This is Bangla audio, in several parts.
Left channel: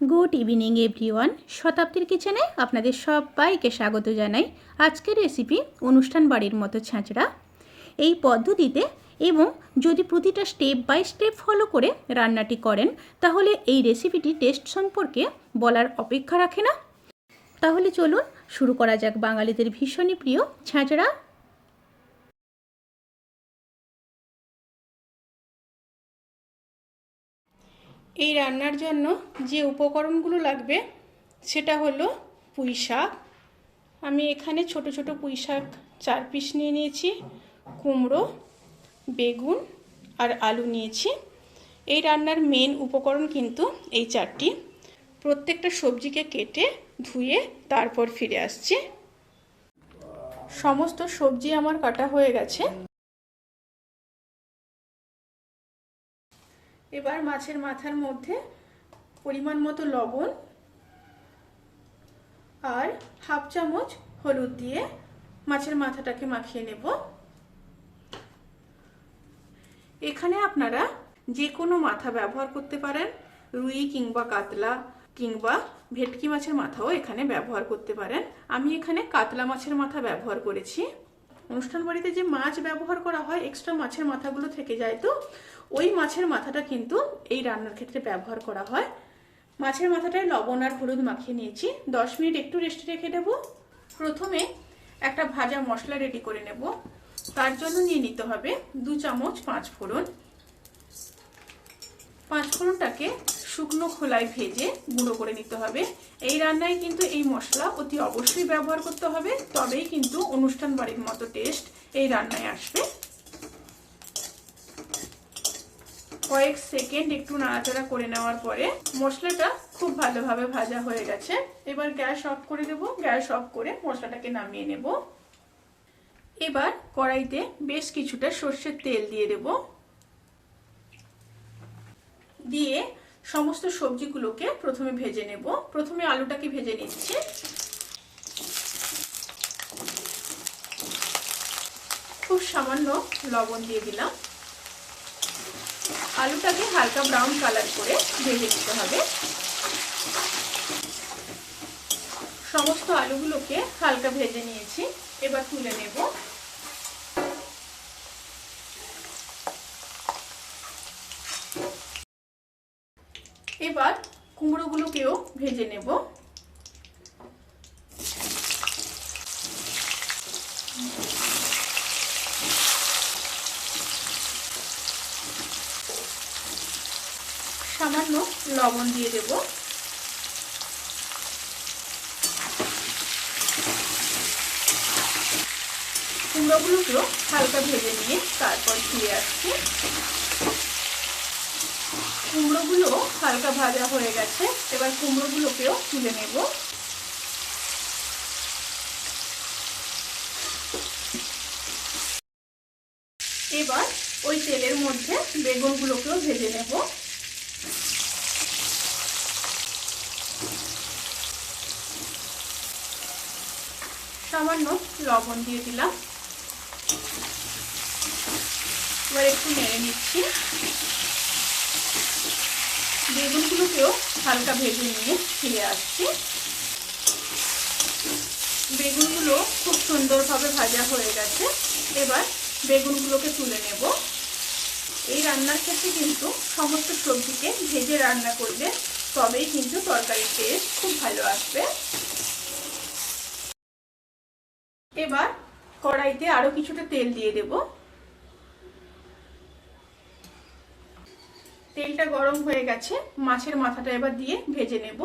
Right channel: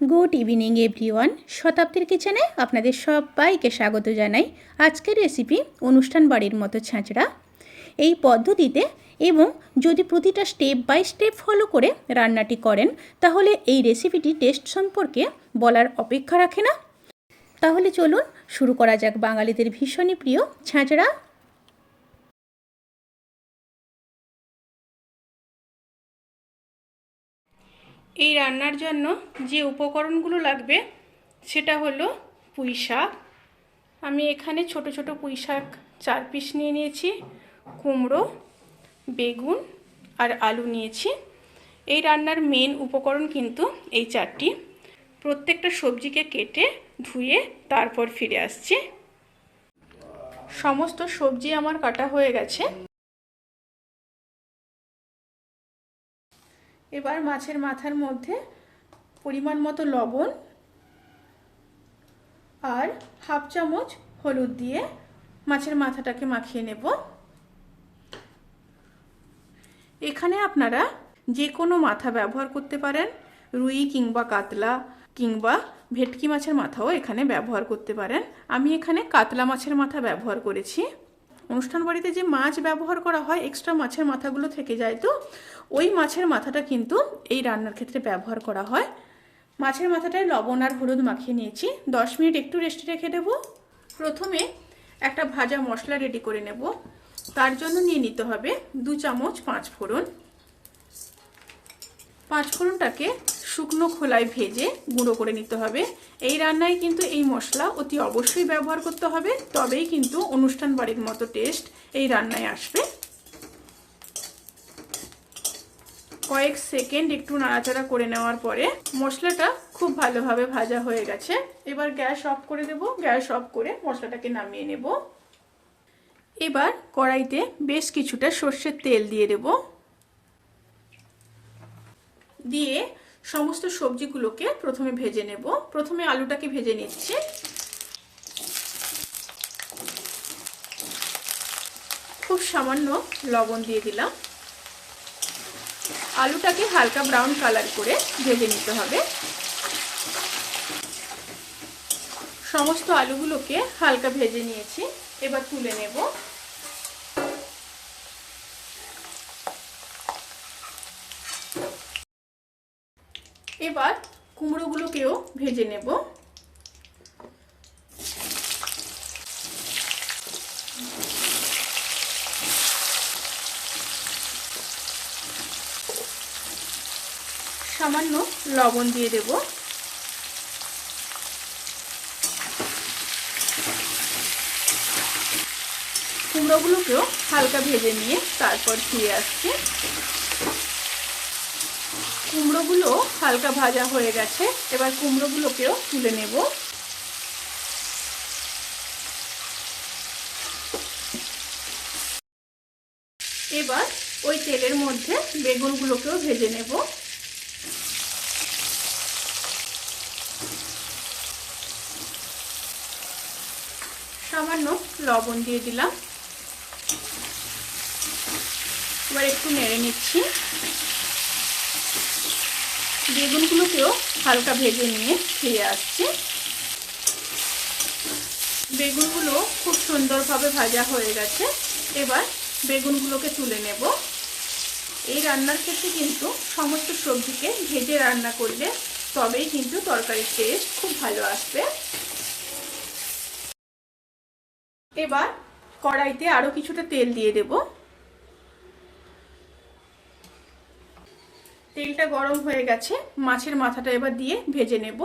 Good evening everyone. শতাব্দীর কিচেনে আপনাদের সবাইকে স্বাগত জানাই। আজকের রেসিপি অনুষ্ঠান বাড়ির মতো ছাঁচড়া। এই পদ্ধতিতে এবং যদি প্রতিটা স্টেপ বাই স্টেপ ফলো করে রান্নাটি করেন তাহলে এই রেসিপিটি টেস্ট সম্পর্কে বলার অপেক্ষা রাখে না। তাহলে চলুন শুরু করা যাক বাঙালিদের ভীষণই প্রিয় ছাঁচড়া। এই রান্নার জন্য যে উপকরণগুলো লাগবে সেটা হলো পুঁই শাক। আমি এখানে ছোট ছোট পুঁই শাক 4 পিস নিয়ে নিয়েছি, কুমড়ো, বেগুন আর আলু নিয়েছি। এই রান্নার মেন উপকরণ কিন্তু এই 4টি। প্রত্যেকটা সবজিকে কেটে ধুয়ে তারপর ফিরে আসছি। সমস্ত সবজি আমার কাটা হয়ে গেছে। এবার মাছের মাথার মধ্যে পরিমাণ মতো লবণ আর হাফ চামচ হলুদ দিয়ে মাছের মাথাটাকে মাখিয়ে নেব। এখানে আপনারা যে কোনো মাথা ব্যবহার করতে পারেন, রুই কিংবা কাতলা কিংবা ভেটকি মাছের মাথাও এখানে ব্যবহার করতে পারেন। আমি এখানে কাতলা মাছের মাথা ব্যবহার করেছি। অনুষ্ঠান বাড়িতে যে মাছ ব্যবহার করা হয় এক্সট্রা মাছের মাথাগুলো থেকে যায়, তো ওই মাছের মাথাটা কিন্তু এই রান্নার ক্ষেত্রে ব্যবহার করা হয়। মাছের মাথাটায় লবণ আর হলুদ মাখিয়ে নিয়েছি। 10 মিনিট একটু রেস্টে রেখে দেব। প্রথমে একটা ভাজা মশলা রেডি করে নেব। তার জন্য নিয়ে নিতে হবে 2 চামচ 5 ফোড়ন। 5 ফোড়নটাকে শুকনো খোলায় ভেজে গুঁড়ো করে নিতে হবে। এই রান্নায় কিন্তু এই মশলা অতি অবশ্যই ব্যবহার করতে হবে, তবেই কিন্তু অনুষ্ঠান বাড়ির মতো টেস্ট এই রান্নায় আসবে। কয়েক সেকেন্ড একটু নাড়াচাড়া করে নেওয়ার পরে মশলাটা খুব ভালোভাবে ভাজা হয়ে গেছে। এবার গ্যাস অফ করে দেব। গ্যাস অফ করে মশলাটাকে নামিয়ে নেব। এবার কড়াইতে বেশ কিছুটা সর্ষের তেল দিয়ে দেব। দিয়ে সমস্ত সবজিগুলোকে প্রথমে ভেজে নেব। প্রথমে আলুটাকে ভেজে নিচ্ছি। খুব সামান্য লবণ দিয়ে দিলাম। আলুটাকে হালকা ব্রাউন কালার করে ভেজে নিতে হবে। সমস্ত আলুগুলোকে হালকা ভেজে নিয়েছি। এবার তুলে নেব। এবার কুমড়োগুলোকেও ভেজে নেব। সামান্য লবণ দিয়ে দেব। কুমড়োগুলোকেও হালকা ভেজে নিয়ে তারপর ফিরে আসছি। কুমড়োগুলো হালকা ভাজা হয়ে গেছে। এবার কুমড়োগুলোকেও তুলে নেব। এবার ওই তেলের মধ্যে বেগুনগুলোকেও ভেজে নেব। সামান্য লবণ দিয়ে দিলাম। এবার একটু নেড়ে নিচ্ছি। বেগুনগুলোকেও হালকা ভেজে নিয়ে ফিরে আসছি। বেগুনগুলো খুব সুন্দরভাবে ভাজা হয়ে গেছে। এবার বেগুনগুলোকে তুলে নেব। এই রান্নার ক্ষেত্রে কিন্তু সমস্ত সবজিকে ভেজে রান্না করলে তবেই কিন্তু তরকারির টেস্ট খুব ভালো আসবে। এবার কড়াইতে আরো কিছুটা তেল দিয়ে দেব। তেলটা গরম হয়ে গেছে। মাছের মাথাটা এবার দিয়ে ভেজে নেব।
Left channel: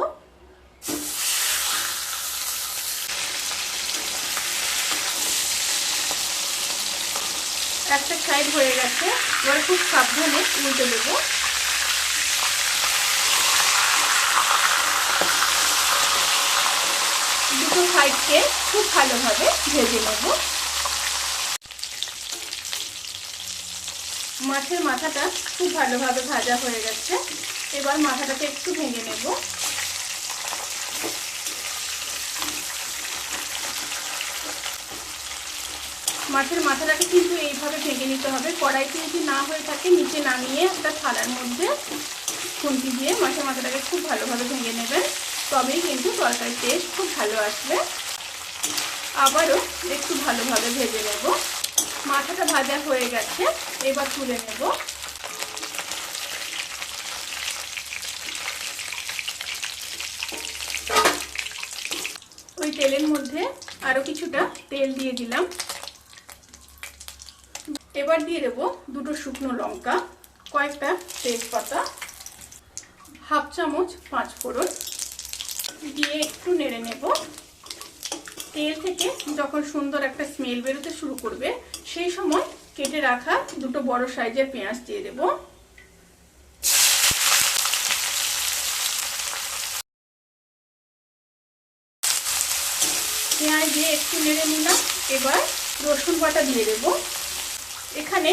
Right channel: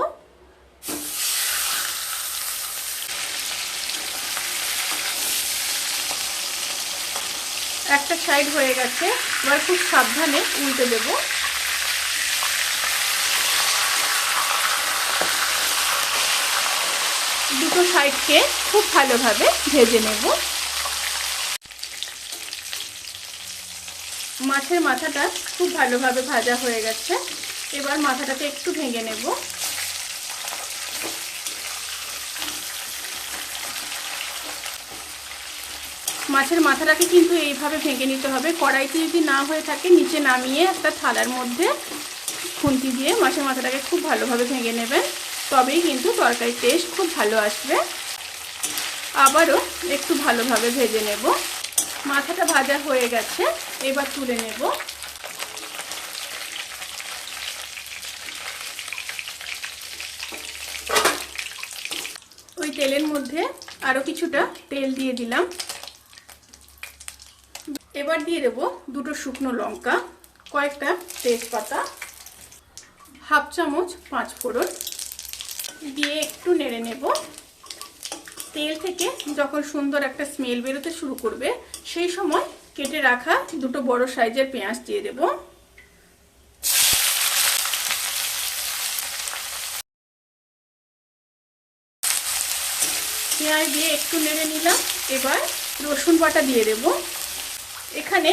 একটা সাইড হয়ে গেছে। এবার খুব সাবধানে উল্টে দেব। দুটো সাইডকে খুব ভালোভাবে ভেজে নেব। মাছের মাথাটা খুব ভালোভাবে ভাজা হয়ে গেছে। এবার মাথাটাকে একটু ভেঙে নেব। মাছের মাথাটাকে কিন্তু এইভাবে ভেঙে নিতে হবে। কড়াইতে যদি না হয়ে থাকে নিচে নামিয়ে একটা থালার মধ্যে খুন্তি দিয়ে মাছের মাথাটাকে খুব ভালোভাবে ভেঙে নেবেন, তবেই কিন্তু তরকারির টেস্ট খুব ভালো আসবে। আবারও একটু ভালোভাবে ভেজে নেব। মাথাটা ভাজা হয়ে গেছে, এবার তুলে নেব। ওই তেলের মধ্যে আরো কিছুটা তেল দিয়ে দিলাম। এবার দিয়ে দেবো দুটো শুকনো লঙ্কা, কয়েকটা তেজপাতা, হাফ চামচ পাঁচফোড়ন দিয়ে একটু নেড়ে নেব। তেল থেকে যখন সুন্দর একটা স্মেল বেরোতে শুরু করবে, সেই সময় কেটে রাখা দুটো বড় সাইজের পেঁয়াজ দিয়ে দেব। পেঁয়াজ দিয়ে একটু নেড়ে নিলাম। এবার রসুন বাটা দিয়ে দেব। এখানে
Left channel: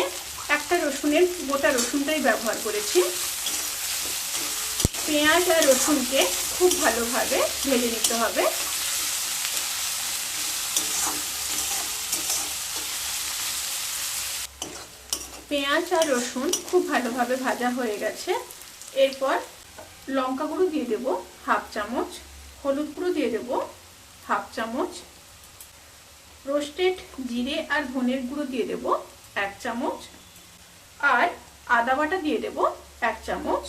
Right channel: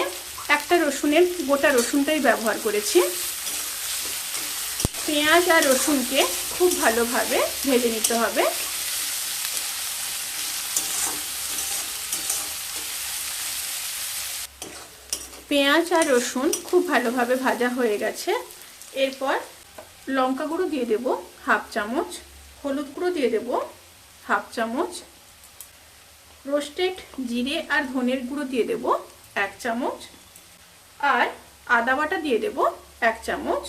একটা রসুনের গোটা রসুনটাই ব্যবহার করেছি। পেঁয়াজ আর রসুনকে খুব ভালোভাবে ভেজে নিতে হবে। পেঁয়াজ আর রসুন খুব ভালোভাবে ভাজা হয়ে গেছে। এরপর লঙ্কা গুঁড়ো দিয়ে দেব হাফ চামচ, হলুদ গুঁড়ো দিয়ে দেব হাফ চামচ, রোস্টেড জিরে আর ধনের গুঁড়ো দিয়ে দেব 1 চামচ, আর আদা বাটা দিয়ে দেব 1 চামচ।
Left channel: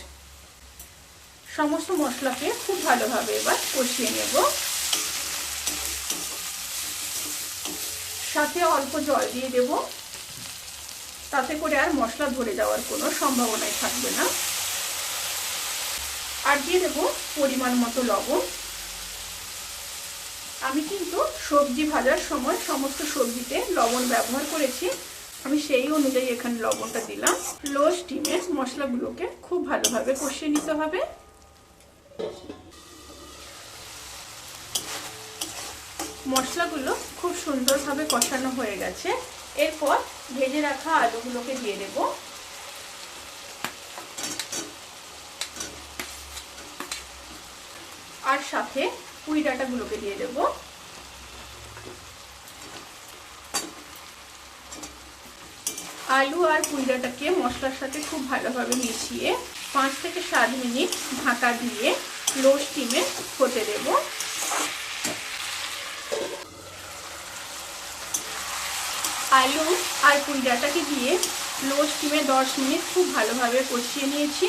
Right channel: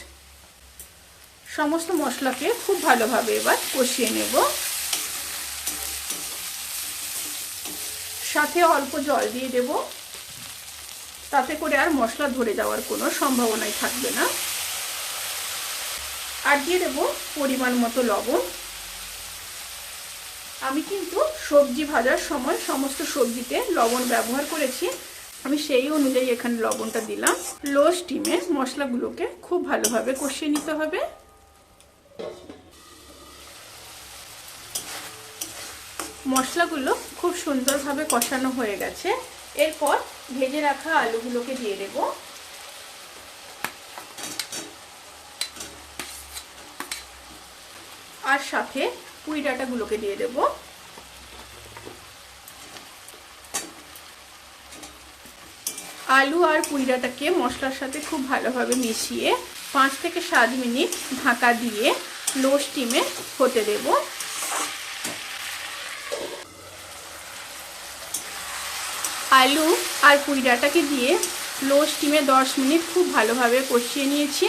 সমস্ত মশলাকে খুব ভালোভাবে এবার কষিয়ে নেব। সাথে অল্প জল দিয়ে দেব, তাতে করে আর মশলা ধরে যাওয়ার কোনো সম্ভাবনাই থাকবে না। আর দিয়ে দেব পরিমাণ মতো লবণ। আমি কিন্তু সবজি ভাজার সময় সমস্ত সবজিতে লবণ ব্যবহার করেছি, আমি সেই অনুযায়ী এখানে লবণটা দিলাম। লো স্টিমে মশলাগুলোকে খুব ভালোভাবে কষিয়ে নিতে হবে। মশলাগুলো খুব সুন্দরভাবে কষানো হয়ে গেছে। এরপর ভেজে রাখা আলুগুলোকে দিয়ে দেব। আর সাথে পুঁই ডাঁটাগুলোকে দিয়ে দেব। আলু আর পুঁই ডাঁটাকে মশলার সাথে খুব ভালোভাবে মিশিয়ে 5 থেকে 7 মিনিট ঢাকা দিয়ে লো স্টিমে হতে দেব। আলু আর পুঁই ডাঁটাকে দিয়ে লো স্টিমে 10 মিনিট খুব ভালোভাবে কষিয়ে নিয়েছি।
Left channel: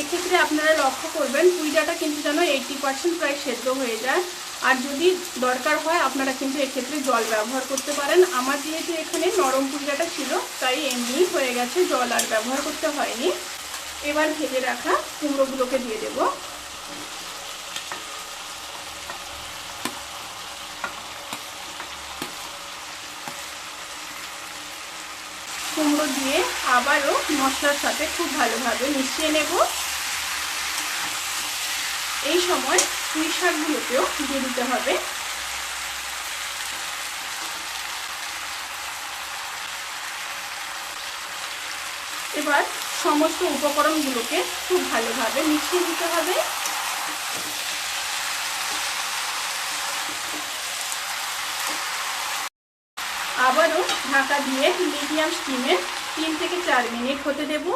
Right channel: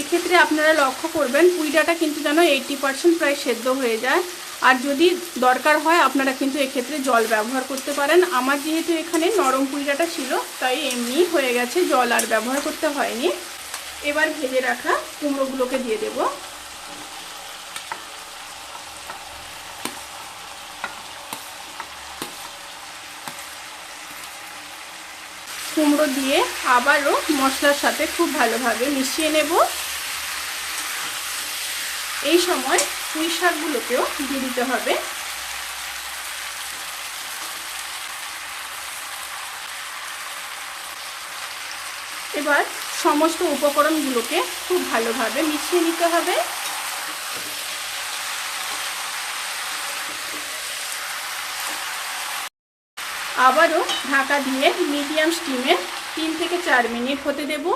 এক্ষেত্রে আপনারা লক্ষ্য করবেন পুঁই ডাঁটা কিন্তু যেন 80% প্রায় সেদ্ধ হয়ে যায়। আর যদি দরকার হয় আপনারা কিন্তু এক্ষেত্রে জল ব্যবহার করতে পারেন। আমার যেহেতু এখানে নরম পুঁই ডাঁটা ছিল, তাই এমনি হয়ে গেছে, জল আর ব্যবহার করতে হয়নি। এবার ভেজে রাখা কুমড়োগুলোকে দিয়ে দেব। কুমড়ো দিয়ে আবারও মশলার সাথে খুব ভালোভাবে মিশিয়ে নেব। এই সময় পুঁই শাকগুলোকেও দিয়ে দিতে হবে। এবার সমস্ত উপকরণগুলোকে খুব ভালোভাবে মিশিয়ে নিতে হবে। আবারও ঢাকা দিয়ে মিডিয়াম স্টিমে 3 থেকে 4 মিনিট হতে দেব।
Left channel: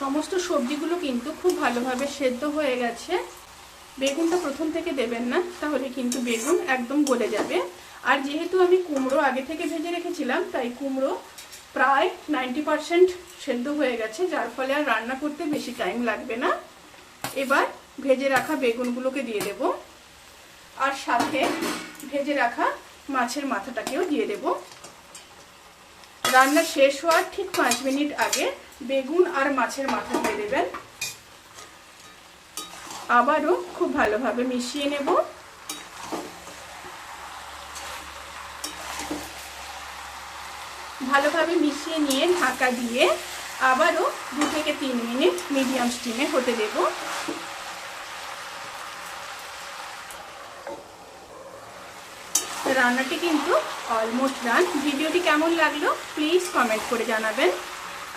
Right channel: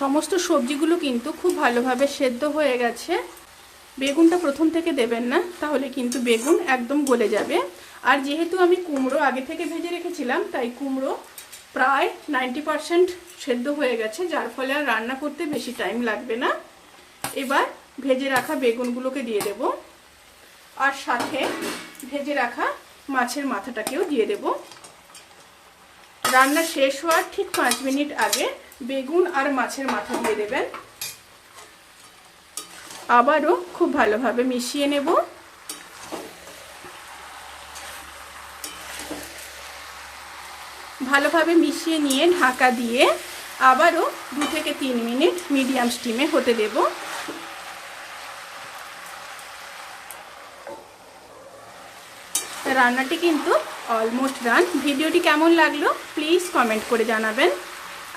সমস্ত সবজিগুলো কিন্তু খুব ভালোভাবে সেদ্ধ হয়ে গেছে। বেগুনটা প্রথম থেকে দেবেন না, তাহলে কিন্তু বেগুন একদম গলে যাবে। আর যেহেতু আমি কুমড়ো আগে থেকে ভেজে রেখেছিলাম, তাই কুমড়ো প্রায় 90% সেদ্ধ হয়ে গেছে, যার ফলে আর রান্না করতে বেশি টাইম লাগবে না। এবার ভেজে রাখা বেগুনগুলোকে দিয়ে দেব, আর সাথে ভেজে রাখা মাছের মাথাটাকেও দিয়ে দেব। রান্না শেষ হওয়ার ঠিক 5 মিনিট আগে বেগুন আর মাছের মাথা দিয়ে দেবেন। আবারও খুব ভালোভাবে মিশিয়ে নেব। ভালোভাবে মিশিয়ে নিয়ে ঢাকা দিয়ে আবারও 2 থেকে 3 মিনিট মিডিয়াম স্টিমে হতে দেব। রান্নাটি কিন্তু অলমোস্ট ডান। ভিডিওটি কেমন লাগলো প্লিজ কমেন্ট করে জানাবেন।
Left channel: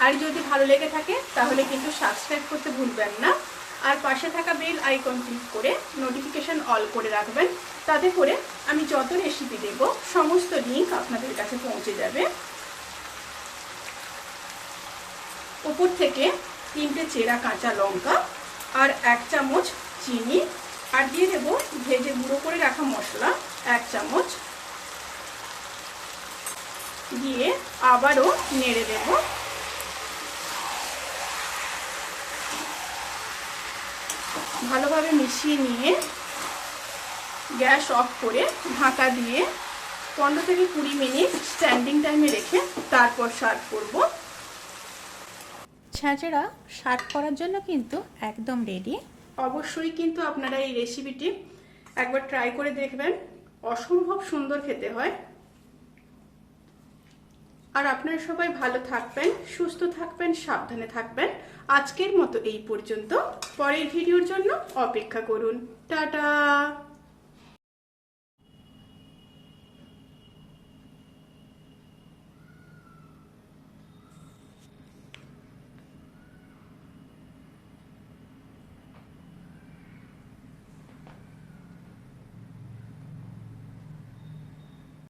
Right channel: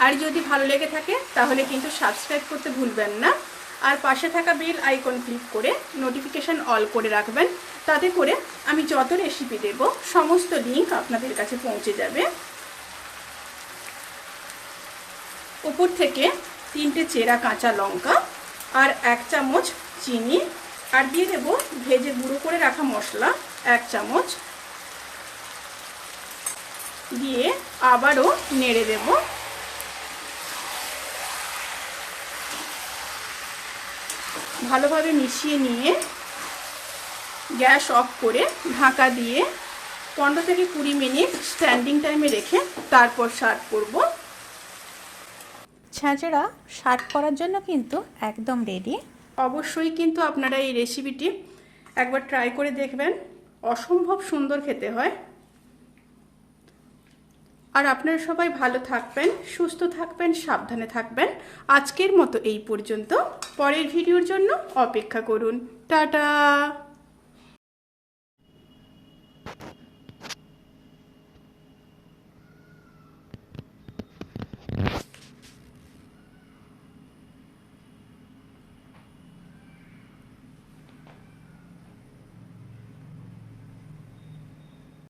আর যদি ভালো লেগে থাকে তাহলে কিন্তু সাবস্ক্রাইব করতে ভুলবেন না। আর পাশে থাকা বেল আইকন ক্লিক করে নোটিফিকেশন অল করে রাখবেন। তাতে করে আমি যত রেসিপি দেব সমস্ত লিঙ্ক আপনাদের কাছে পৌঁছে যাবে। উপর থেকে 3টে চেরা কাঁচা লঙ্কা আর 1 চামচ চিনি আর দিয়ে দেব ভেজে গুঁড়ো করে রাখা মশলা 1 চামচ দিয়ে আবারও নেড়ে দেব। ভালোভাবে মিশিয়ে নিয়ে গ্যাস অফ করে ঢাকা দিয়ে 15 থেকে 20 মিনিট স্ট্যান্ডিং টাইমে রেখে তারপর সার্ভ করব। ছাঁচেরা সার্ভ করার জন্য কিন্তু একদম রেডি। অবশ্যই কিন্তু আপনারা এই রেসিপিটি একবার ট্রাই করে দেখবেন, অসম্ভব সুন্দর খেতে হয়। আর আপনারা সবাই ভালো থাকবেন, সুস্থ থাকবেন, সাবধানে থাকবেন। আজকের মতো এই পর্যন্ত। পরের ভিডিওর জন্য অপেক্ষা করুন। টাটা।